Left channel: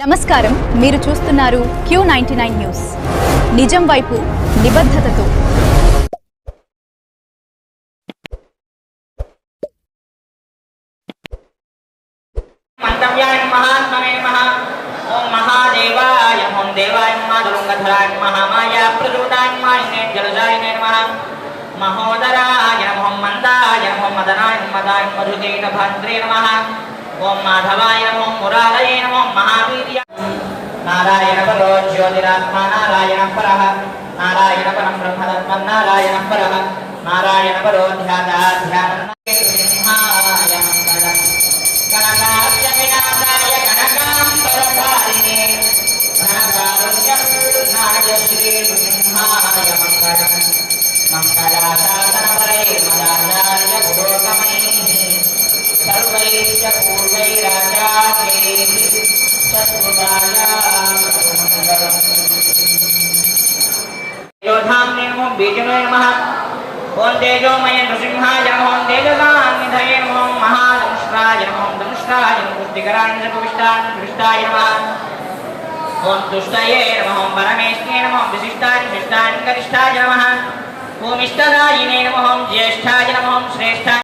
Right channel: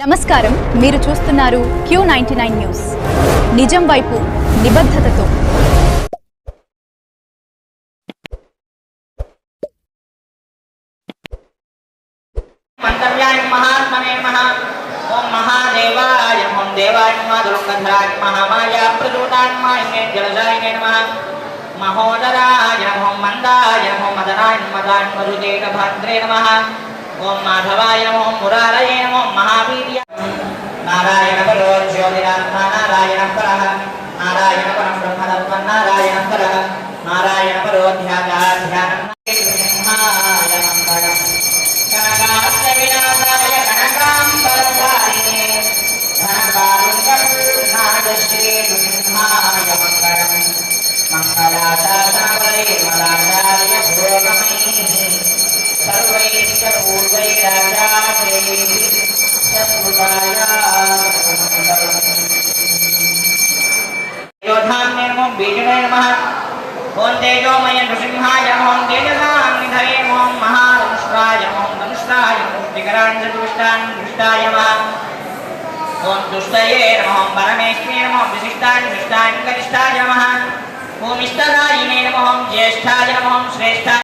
నమస్కారం, మీరు చూస్తున్నారు Q99 న్యూస్. నిజం వైపు నిబద్ధతతో. మంతవ్యాయ మహాత్మనే నమః. ఓం మహాదేవాయ నమః. దేవాయ నమః. దుర్గంధరాయ నమః. మాయా ప్రచోదాయ నమః. జలజాయ నమః. మహోదరాయ నమః. మందాయ నమః. మదనాయ నమః. మరుజేన భద్రే నమః. ఓం మాధవాయ నమః. మురారయే నమః. మహావీర్య నారాయణ పరో జ్యోతిరాత్మా నారాయణ పరః. నారాయణ పరం బ్రహ్మతత్వం నారాయణ పరః. నారాయణ పరో ధ్యాన ओं तेजोमय नृसिंहाय ओं तेजसान्निधये ओं महादंष्ट्राय ओं दंष्ट्राय मूर्तिकराय सतुष्टाय दृष्टाय नमः ओं तुष्टये नमः ओं परमेष्ठिने नमः विशिष्टाय विशिष्टाय गरिष्ठाय नमः ओं इष्टदायिने नमः ओं ज्येष्ठाय नमः ओं श्रेष्ठाय